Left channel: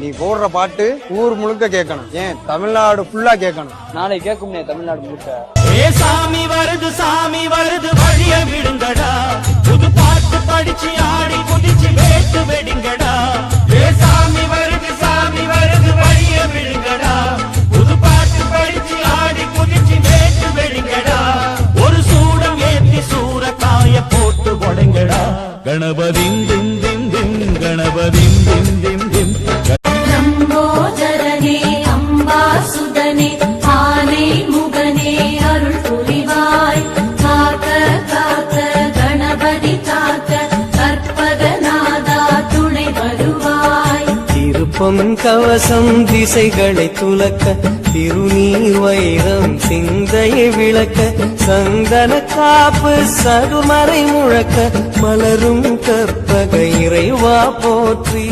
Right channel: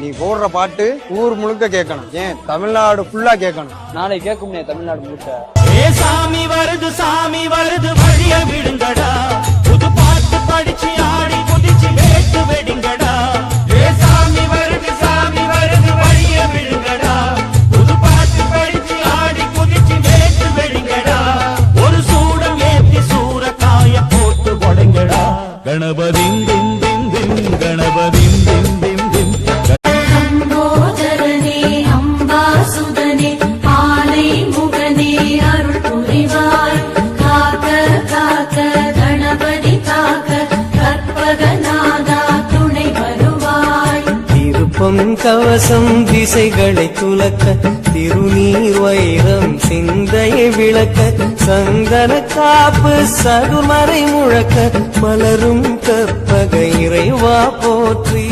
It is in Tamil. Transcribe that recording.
நீ போடுற பாட்டு ஊர் முழுக்க கேட்கணும், ஏன் தமிழ்நாடு ஃபுல்லா கேட்கணும். நாளை கேட்கும்னே தமிழ்நாடு முழுக்க. ஏ சாமி வருது வழிய விடுங்கடா, புது பாட்டு படிச்சு ஆடி குதிச்சு வேட்டு வெடிங்கடா. ஏ சாமி வருது வழிய விடுங்கடா, புது பாட்டு படிச்சு ஆடி குதிச்சு வேட்டு வெடிங்கடா. ஒரு சூடம் ஏத்தி சூறக்காய போட்டு கொடைங்கடா. கணபதிம் திம் திம் திம் கணபதிம் திம் திம் திம். கவசம் திசைகளை துலக்க, திருநீர் வைரம் சிந்தையை விளக்க, சந்தன காப்பு சதுர்மறை முழக்க, மலரும் கற்பக இறைவா போற்றி.